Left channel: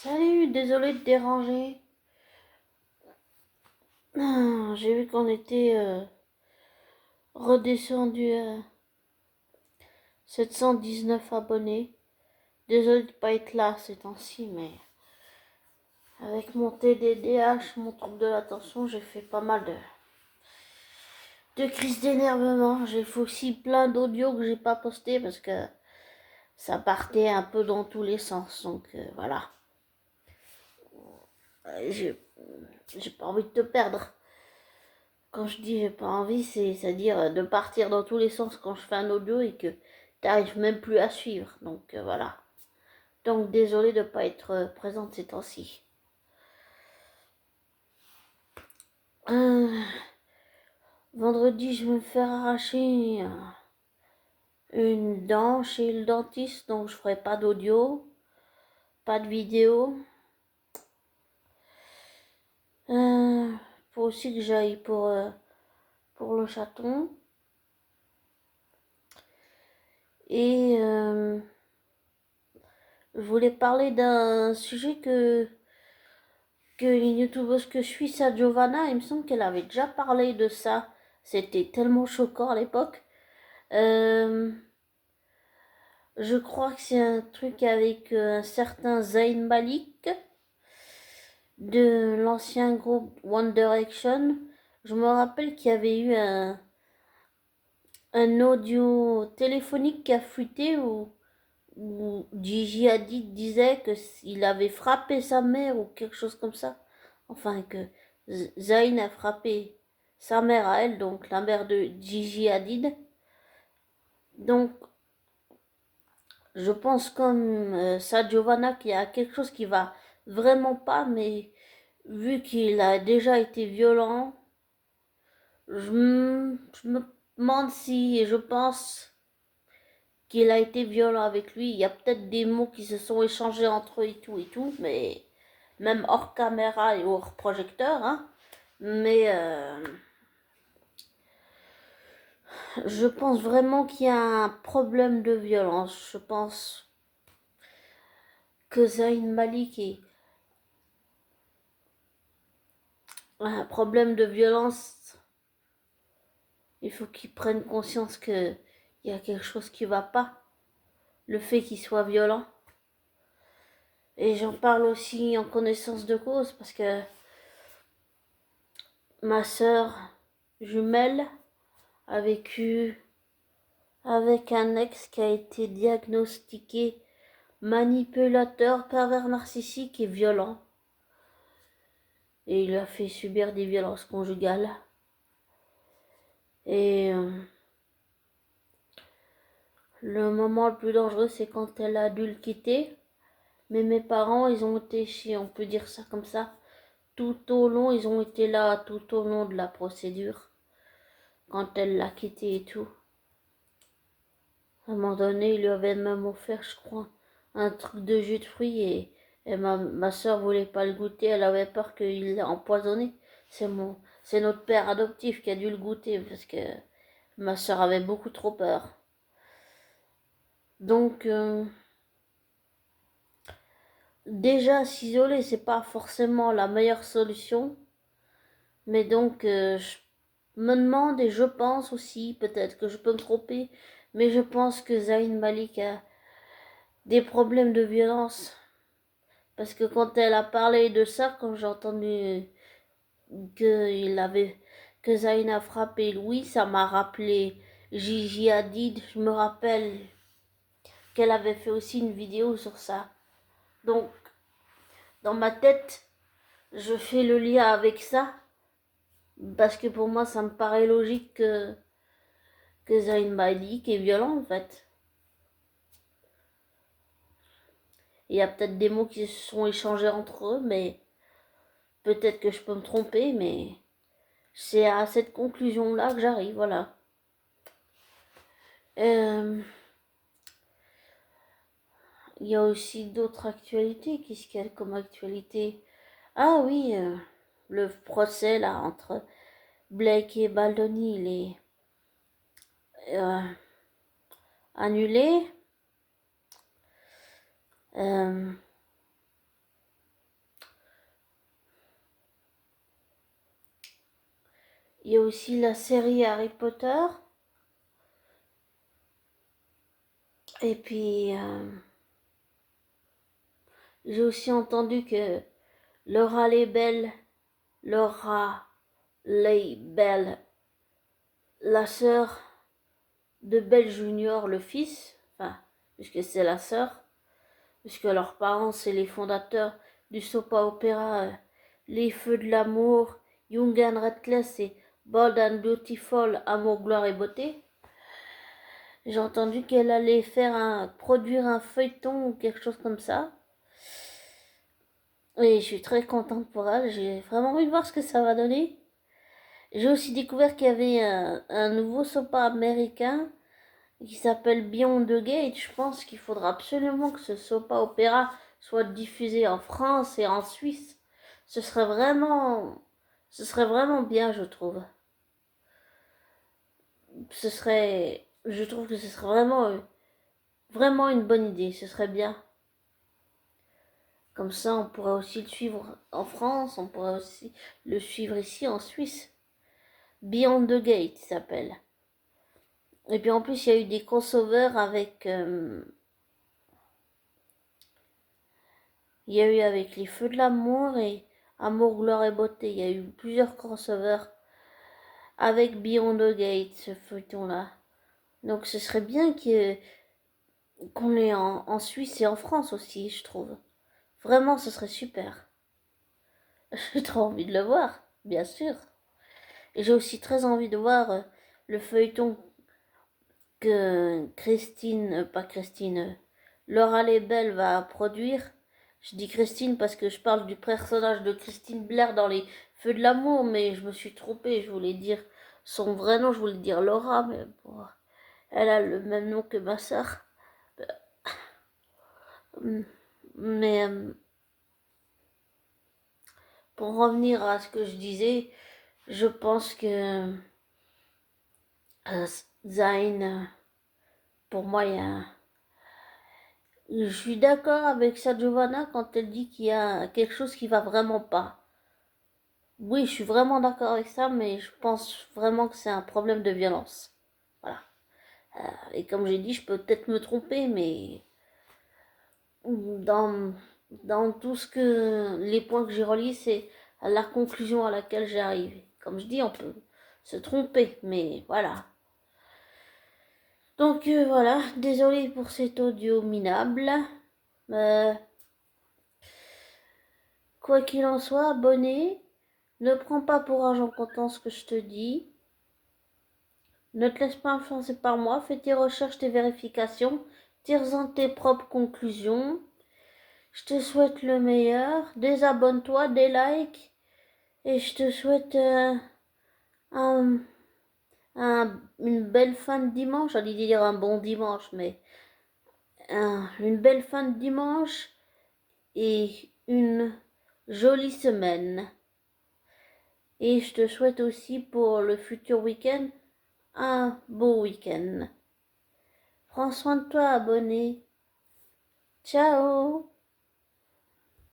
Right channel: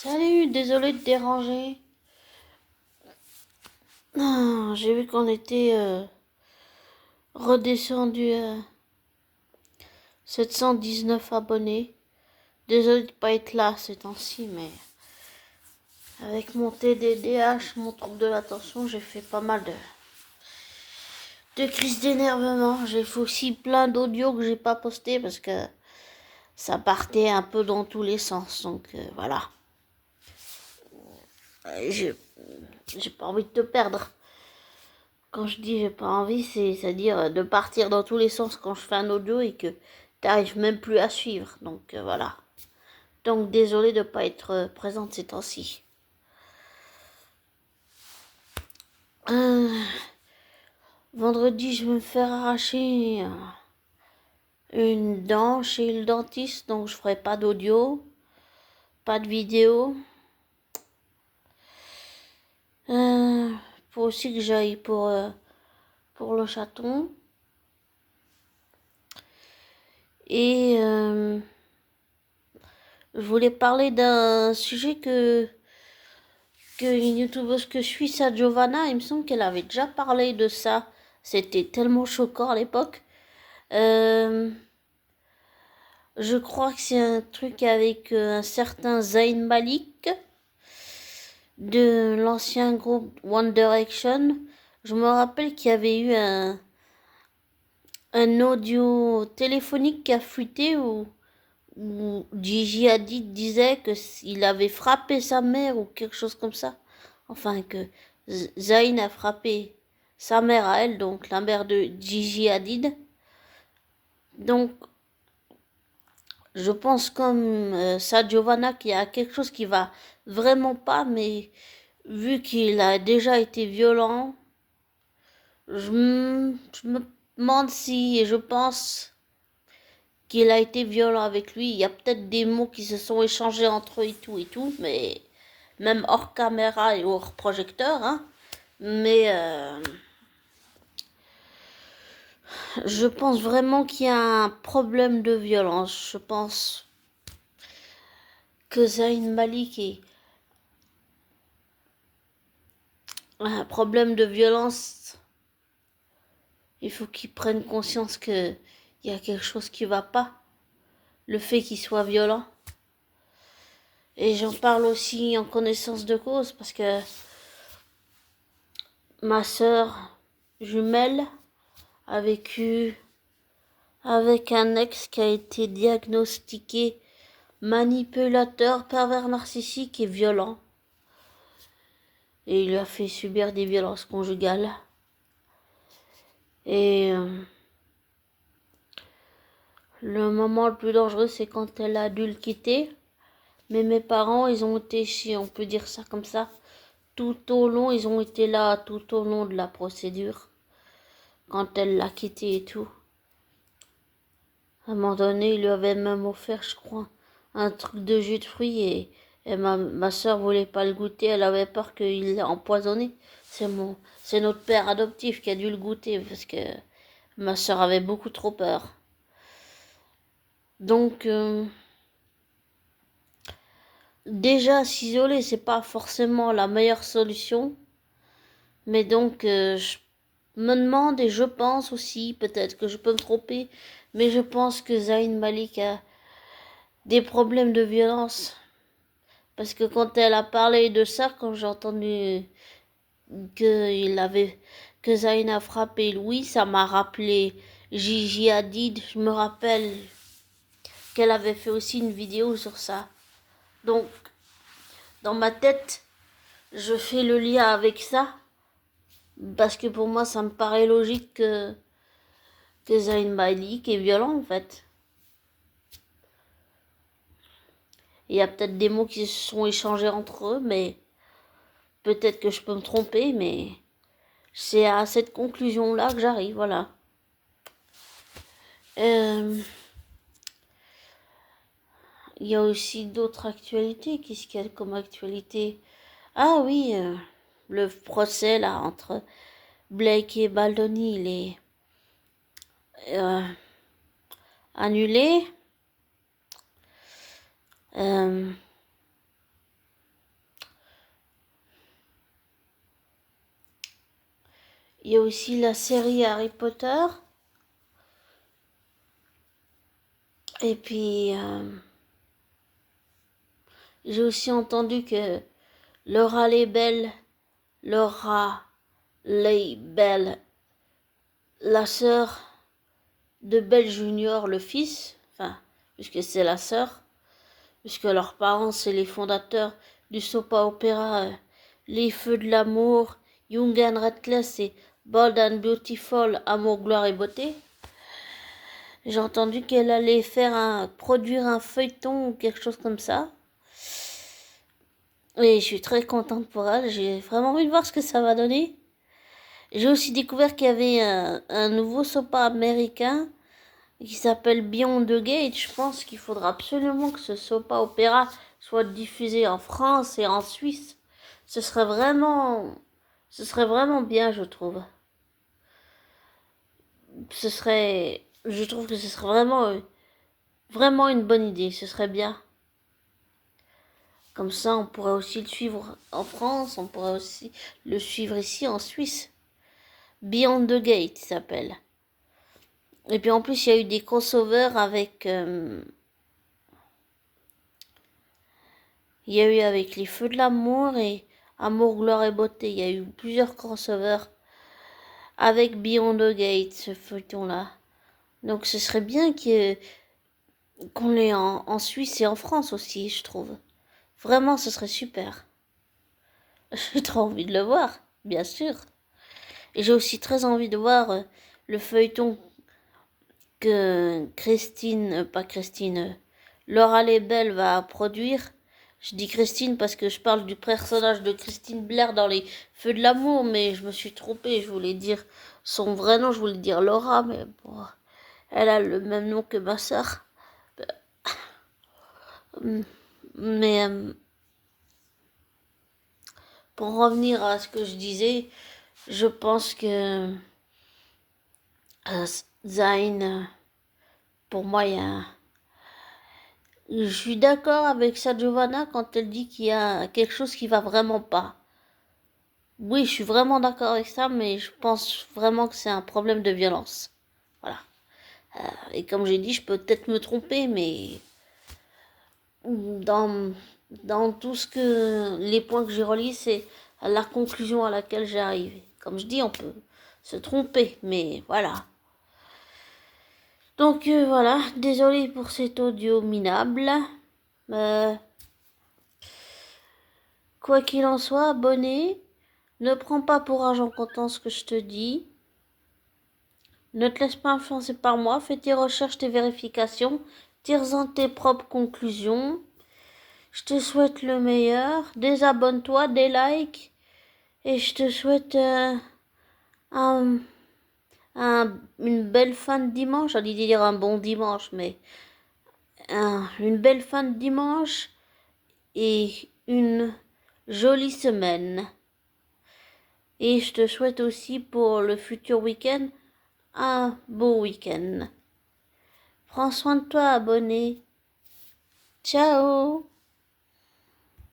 Salut, désolé de te déranger. J'ai vu qu'on était redescendu à 719 abonnés. Désolé de pas être là ces temps-ci, mais avec mon TDDH, mon trouble de l'attention, j'ai fait pas mal de crises d'énervement. J'ai fait aussi plein d'audios que j'ai pas postés parce que ça partait un peu dans tous les sens. Donc voilà. J'ai pas envie de te perdre. Quand je dis j'ai pas envie, c'est-à-dire de partir dans tous les sens quand je fais un audio et que t'arrives même plus à suivre. Donc voilà. Donc désolé de ne pas être présente ces temps-ci. Euh, Vendredi, je vais me faire arracher une dent chez le dentiste, donc je ferai pas d'audio, pas de vidéo. Faut aussi que j'aille pour le chaton. Et je voulais parler d'un sujet une youtubeuse que je suis, sa Giovanna, il me semble qu'elle avait déjà parlé de ça. C'était tellement choquant à l'époque. Euh, je crois que c'est un truc avec un certain Zayn Malik de l'ancien groupe One Direction. Je me rappelle qu'il y avait eu un audio téléphonique qui a fuité où Gigi Hadid disait qu'il avait frappé sa mère ou quelque chose comme ça. Enfin, que Zayn a frappé sa mère à elle, donc la mère de Gigi Hadid. Donc, je pense comme ça, Giovanna, qu'il y a quelque chose qui va vraiment pas, mais vu qu'il a déjà été violent, je me demande si, et je pense qu'il a été violent avec lui. Il y a peut-être des mots qui se sont échangés entre eux et tout, mais même hors caméra et hors projecteur, hein. Mais je pense vraiment qu'il y a un problème de violence. Je pense que Zayn Malik est un problème de violence. Il faut qu'il prenne conscience qu'il y a quelque chose qui va pas. Le fait qu'il soit violent. Et j'en parle aussi en connaissance de cause parce que ma sœur jumelle a vécu avec un ex qui a été diagnostiqué manipulateur, pervers narcissique et violent. Et il lui a fait subir des violences conjugales. Et le moment le plus dangereux, c'est quand elle a dû le quitter. Mais mes parents, ils ont été, si on peut dire ça comme ça, tout au long, ils ont été là tout au long de la procédure. Quand elle l'a quitté et tout. À un moment donné, il lui avait même offert, je crois, un truc de jus de fruits et ma soeur voulait pas le goûter, elle avait peur qu'il l'ait empoisonné. C'est notre père adoptif qui a dû le goûter parce que ma soeur avait beaucoup trop peur. Donc, déjà s'isoler, c'est pas forcément la meilleure solution. Mais donc, je me demande et je pense aussi, peut-être que je peux me tromper, mais je pense que Zayn Malik a des problèmes de violence. Parce que quand elle a parlé de ça, quand j'ai entendu qu'il avait, que Zayn a frappé Louis, ça m'a rappelé Gigi Hadid. Je me rappelle qu'elle avait fait aussi une vidéo sur ça. Donc, dans ma tête, je fais le lien avec ça. Parce que pour moi, ça me paraît logique que Zayn Malik est violent en fait. Il y a peut-être des mots qui se sont échangés entre eux, mais peut-être que je peux me tromper, mais c'est à cette conclusion-là que j'arrive, voilà. Il y a aussi d'autres actualités. Qu'est-ce qu'il y a comme actualité? Ah oui, le procès là entre Blake et Baldoni, il est euh, annulé. Euh, Il y a aussi la série Harry Potter. Et puis, j'ai aussi entendu que Laura Lebel, Laura Lebel, la sœur de Belle Junior, le fils, enfin, puisque c'est la sœur, puisque leurs parents, c'est les fondateurs du soap opéra Les Feux de l'amour, Young and Restless et Bold and Beautiful, Amour, gloire et beauté. J'ai entendu qu'elle allait produire un feuilleton ou quelque chose comme ça. Et je suis très contente pour elle. J'ai vraiment envie de voir ce que ça va donner. J'ai aussi découvert qu'il y avait un nouveau soap américain qui s'appelle Beyond the Gate. Je pense qu'il faudra absolument que ce soap opéra soit diffusé en France et en Suisse. Ce serait vraiment bien, je trouve. Je trouve que ce serait vraiment une bonne idée. Ce serait bien. Comme ça, on pourrait aussi le suivre en France, on pourrait aussi le suivre ici en Suisse. Beyond the Gate, il s'appelle. Et puis en plus, il y a eu des crossovers avec... il y a eu avec Les Feux de l'amour et Amour, gloire et beauté. Il y a eu plusieurs crossovers avec Beyond the Gate, ce feuilleton-là. Donc ce serait bien qu'on l'ait en Suisse et en France aussi, je trouve. Vraiment, ce serait super. J'ai trop envie de le voir, bien sûr. Et j'ai aussi très envie de voir le feuilleton que Laura Lebel va produire. Je dis Christine parce que je parle du personnage de Christine Blair dans Les Feux de l'amour, mais je me suis trompée, je voulais dire son vrai nom, je voulais dire Laura, mais bon, elle a le même nom que ma sœur. Mais pour revenir à ce que je disais, je pense que Zayn, pour moi, je suis d'accord avec ça, Giovanna, quand elle dit qu'il y a quelque chose qui va vraiment pas. Oui, je suis vraiment d'accord avec ça, mais je pense vraiment que c'est un problème de violence. Voilà. Et comme j'ai dit, je peux peut-être me tromper, mais dans, dans tout ce que les points que j'ai relis, c'est la conclusion à laquelle j'ai arrivé. Comme je dis, on peut se tromper, mais voilà. Donc voilà, désolé pour cet audio minable. Euh, quoi qu'il en soit, abonné. Ne prends pas pour argent comptant ce que je te dis. Ne te laisse pas influencer par moi. Fais tes recherches, tes vérifications. Tire-en tes propres conclusions. Je te souhaite le meilleur. Désabonne-toi, des likes. Et je te souhaite un, une belle fin de dimanche. J'allais dire un bon dimanche, mais une belle fin de dimanche et une jolie semaine. Et je te souhaite aussi pour le futur week-end un beau week-end. Prends soin de toi, abonné. Ciao!